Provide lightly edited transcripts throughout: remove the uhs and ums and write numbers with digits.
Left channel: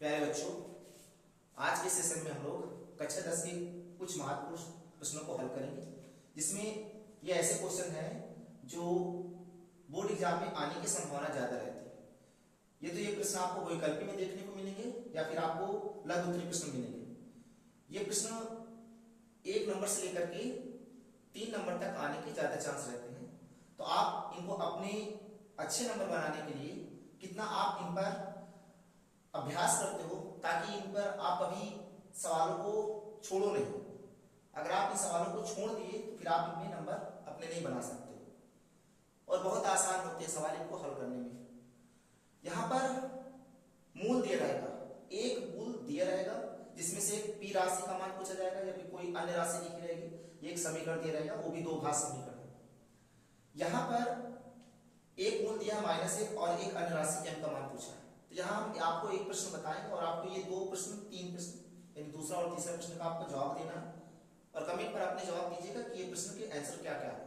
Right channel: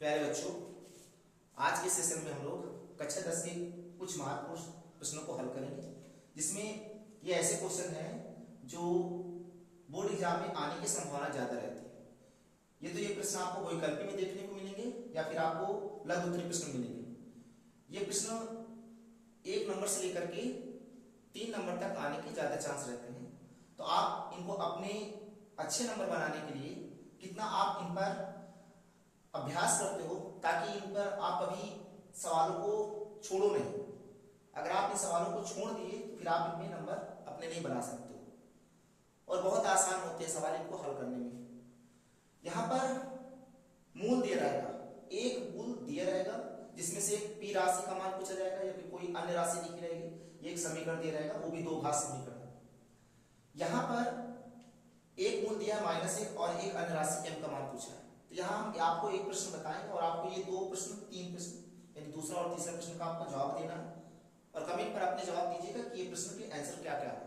प्यारे बच्चों, आज के सेशन में हम लोग कक्षा 10 के कुछ महत्वपूर्ण प्रश्नों को हल करेंगे, जिसमें ये ऐसे क्वेश्चन हैं जो बोर्ड एग्जाम में आने की संभावना ज्यादा रहती है। ये प्रश्न आपको वैकल्पिक में देखने को मिलेंगे या फिर आपको लघु उत्तरीय प्रश्न मिलेंगे। ये प्रश्न 1 नंबर से लेकर के 3 नंबर तक आने के ज्यादा चांस रहते हैं। तो आप इनको अपने अच्छे नंबर बनाने के लिए कितना आप इन पर अभ्यास करते हो, ताकि इन पर आप कभी सवालों को छोड़ो नहीं। अगर आप इन सवालों को छोड़ दिए तो फिर आप इनमें नंबर अपने नहीं बना सकते हो। और बहुत आसान होते हैं सवाल इनको हल करने में। यहां पर मूल दिया रहेगा, एक मूल दिया रहेगा जिसमें से पी राशि का मान पूछा जाएगा या फिर कोई अन्य राशि लिखी रहेगी। एक समीकरण दिया रहेगा, वो भी 2 घात समीकरण। यहां पर एक मूल दिया है -1 और एक अन्य राशि m का मान पूछा है। तो यहाँ हम आपको एक प्रश्न बताएंगे और आपको ये 2 प्रश्न 3 प्रश्न यानी दूसरा और तीसरा प्रश्न का आपको जवाब देना है और कमेंट पर अपने जवाब दीजिएगा कि ये प्रश्न के आंसर क्या क्या है।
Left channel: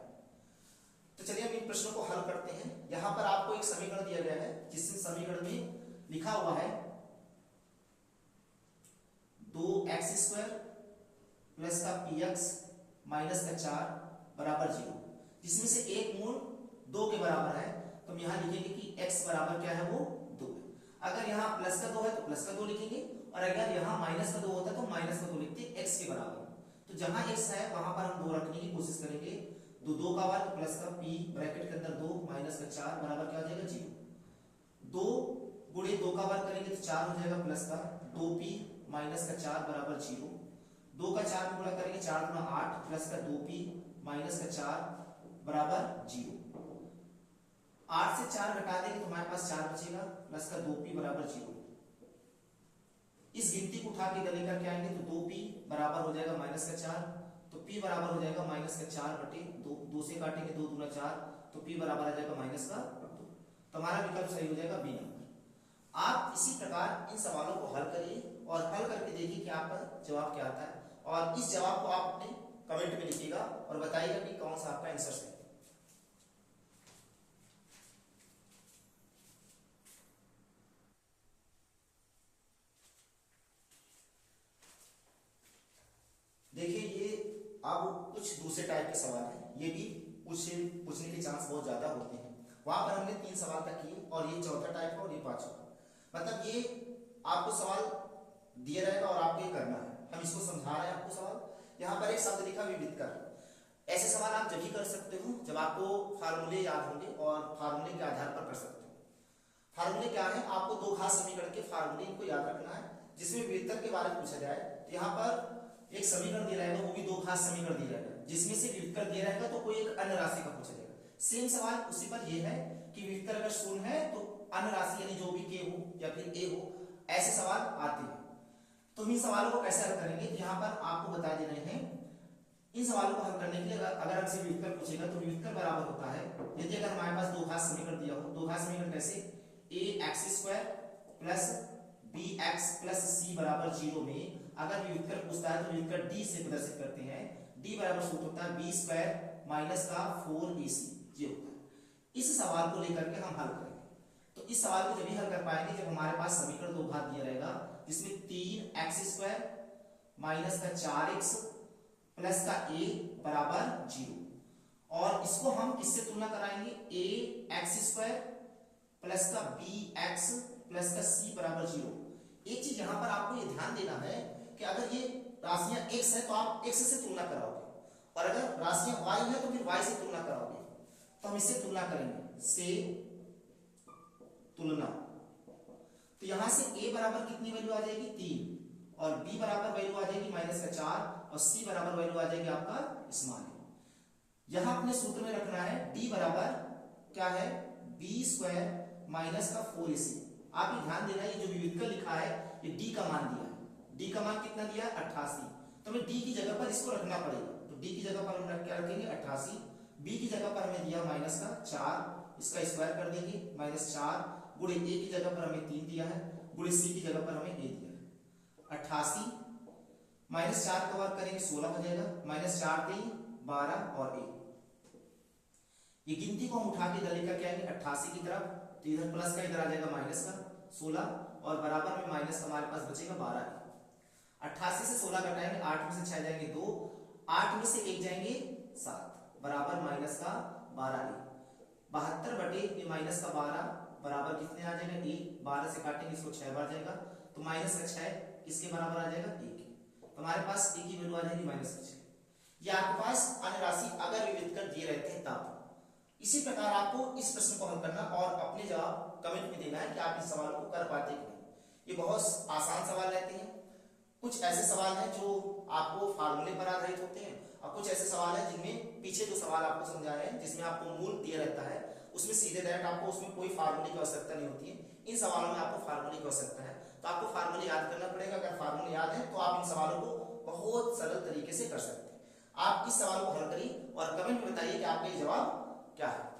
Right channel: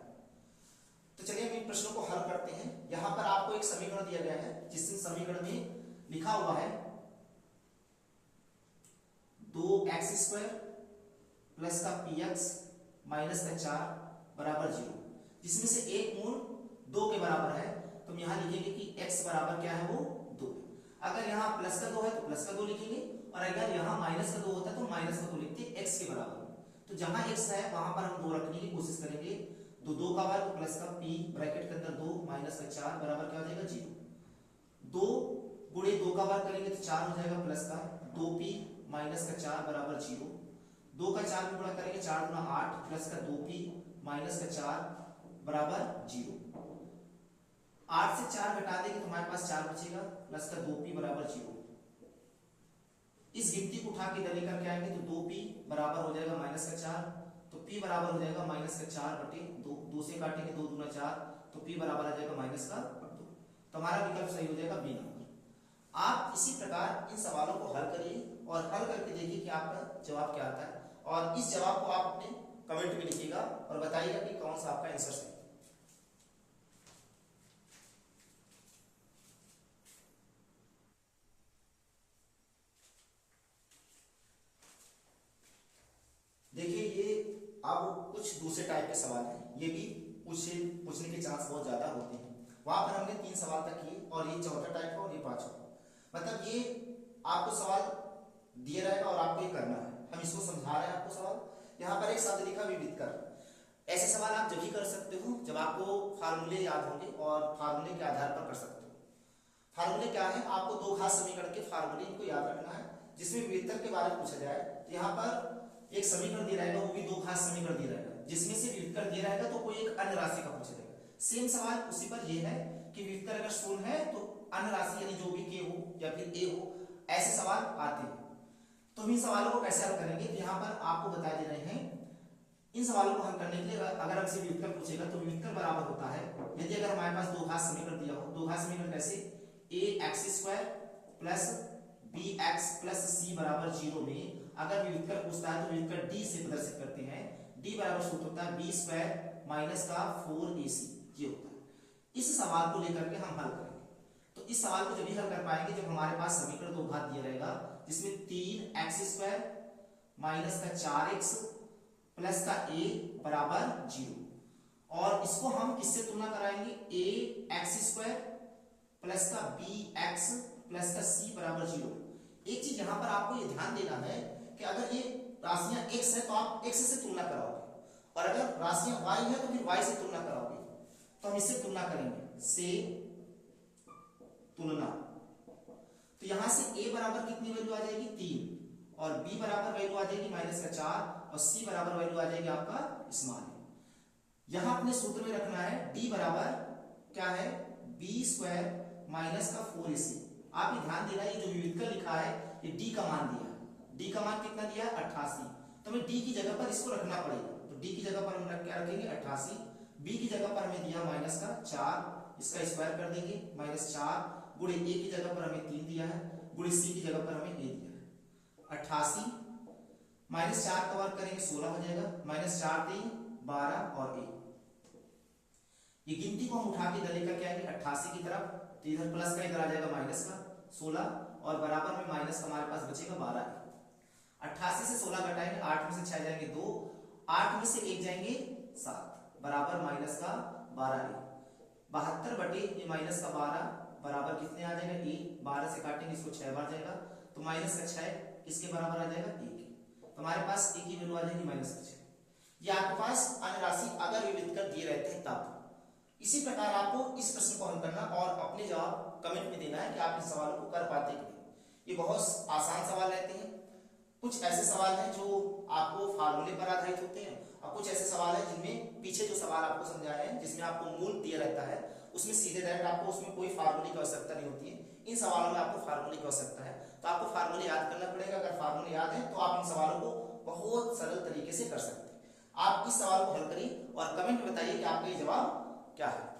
तो चलिए हम इन प्रश्नों को हल करते हैं। यहाँ पर आपको एक समीकरण दिया गया है, जिस समीकरण में लिखा हुआ है 2x² प्लस का px माइनस का 4 बराबर 0, जिसमें से एक मूल 2 के बराबर है। तो हम यहाँ लिखेंगे कि x बराबर क्या है, वो 2 है। अगर यहाँ प्लस का 2 है तो प्लस का 2 लिखेंगे, और अगर यहाँ माइनस का 2 होता है तो माइनस का 2 लिखते हैं x के बराबर। तो जहां x है वहां पर हम 2 रखने की कोशिश करेंगे। 2 का वर्ग प्लस का p ब्रैकेट के अंदर 2 माइनस का 4 बराबर क्या हो जाएगा, 0। 2 गुणे 2 का वर्ग करेंगे तो 4 हो जाएगा प्लस का 2p माइनस का 4 बराबर 0। 2 का 4 में गुणा करेंगे 4 गुणा 8 प्लस का 2p माइनस का 4 बराबर 0। 8 से 4 घटा देंगे तो हमारे पास 4 बचेगा प्लस का 2p बराबर 0। इस गिनती को उठा के इधर लेकर के आएंगे तो 2p बराबर हो जाएगा माइनस का 4, तो p बराबर हो जाएगा माइनस का 4 बटे 2। 2 से काटेंगे 2 दूना 4, तो p बराबर आ जाएगा माइनस का 2। तो हमारा विकल्प सही हो जाएगा बी नंबर। आप इसी प्रकार इन सवालों को हल करिए और हल करके देखिए कि आपका जवाब क्या आता है, और इस जवाब को आप अपने कमेंट में लिखिएगा और बताइएगा कि कौन सा आपका आंसर सही है। देखिए, ये अब कुछ दूसरे टाइप के सवाल हैं। ये भी पूछने के चांस बहुत ज्यादा होते हैं। वहां पर हमने 3 सवाल तक किए और ये चौथा टाइप का और ये 5वां। मतलब ये आपको सवाल दिया रहेगा और आपको ये करना है। हम इसको समझा रहे हैं आपको सवाल। यहाँ पर एक शब्द लिखा विदित कर। ऐसे सवाल आप जब भी कर सकते हो जब आपको फार्मूले याद होंगे और फार्मूले के आधार पर कर सकते हो। फार्मूले क्या है, आपको 2 घात समीकरण के फार्मूले को याद रखना है, जिसमें विविधता के बारे में पूछा जाए। तो यहाँ पर एक समीकरण दिया रहेगा, वो भी 2 घात समीकरण दिया रहेगा, जिसमें से विविधता दिया रहेगा तो कोई एक अन्य राशि का पूछा जाएगा। सेम सवाल उसी पर यह है कि विविधता अगर 0 है तो अन्य राशि यानी जो भी k हो या फिर a हो, ऐसे सवाल आते हैं। तो हम इन सवालों को कैसे हल करेंगे, तो यहाँ पर आपको बता दे रहे हैं। इन सवालों को हल करने के लिए अगर हमसे विविधता पूछेगा तो विविधता बराबर होता है, यदि अगर हमारे पास 2 घात समीकरण दिया हो। 2 घात समीकरण कैसे, ax² plus bx plus c बराबर 0 में अगर विविधता पूछता है तो विविधता d से प्रदर्शित करते हैं। d बराबर सूत्र होता है b² माइनस का 4ac, ये होता है। इस सवाल को लेकर के हम हल करेंगे। तो इस सवाल को जब भी हल कर पाएंगे जब हमारे पास समीकरण 2 घात दिया रहेगा, जिसमें 3x² माइनस का 4x प्लस का a बराबर 0, और इसको हम किससे तुलना कराएंगे, ax² प्लस का bx प्लस का c बराबर 0। एक चीज यहां पर आपको ये ध्यान देना है कि अगर ये राशियां x है तो आप x से तुलना कराओगे, और अगर राशियां y है तो फिर y से तुलना कराओगे। तो हम इससे तुलना करेंगे, से तुलना। तो यहां से a बराबर कितनी वैल्यू आ जाएगी, 3, और b बराबर वैल्यू आ जाएगी माइनस का 4, और c बराबर वैल्यू आ जाएगी आपका स्मॉल। यहां अपने सूत्र में रखना है d बराबर क्या है, b² माइनस का 4ac। आप ये ध्यान देना, ये जो विविधता लिखा है ये d का मान दिया है। d का मान कितना दिया है, 88। तो हमें d की जगह पर इसको रखना पड़ेगा। तो d की जगह पर हम क्या रखेंगे, 88। b की जगह पर हमें दिया माइनस का 4, इसका स्क्वायर कर देंगे, -4 गुणे a की जगह पर हमें 3 दिया है, गुणे c की जगह पर हमें a दिया है। 88 -4 का वर्ग करेंगे 16 हो जाएगा, -4 3 12 और 1। ये गिनती को हम उठा के इधर लेकर के आएंगे 88 की तरफ, तो इधर प्लस का इधर आ जाएगा माइनस का 16, और बराबर में माइनस का हमारे पास बचेगा 12। 88 से 16 घटाएंगे, 8 में से 6 जाएंगे 2, 8 में से 1 जाएंगे 7, बराबर माइनस का 12। 72 बटे ये माइनस का 12 बराबर कितने आ जाएगा 1, 12 से काटेंगे इसको 6 बार जाएगा, तो माइनस का 6 इसके बराबर आ जाएगा 1। तो हमारे पास 1 की वैल्यू आ जाएगी माइनस का 6। ये आपके पास अन्य राशि अगर विविध कर दिए रहते हैं तब। इसी प्रकार आपको इस प्रश्न को हल करना और अपने जवाब कमेंट में देना है कि आप इस सवाल को कर पाते कि नहीं। ये बहुत आसान सवाल रहते हैं। कुछ ऐसे सवाल हैं जो आपको फार्मूले पर आधारित होते हैं और कुछ ऐसे सवाल हैं जिनमें पीछे जो सवाल आपको समझा रहे हैं जिसमें आपको मूल दिया रहता है उसमें सीधे डायरेक्ट आपको उसमें कोई फार्मूले की आवश्यकता नहीं होती है। इन सवालों में आपको फार्मूले की आवश्यकता है, तो आपको फार्मूले याद करना पड़ेगा। अगर फार्मूले याद है तो आप इन सवालों को बहुत सरल तरीके से कर सकते हैं। आप इस सवाल को हल करिए और कमेंट में बताइए कि आपका ये जवाब क्या है।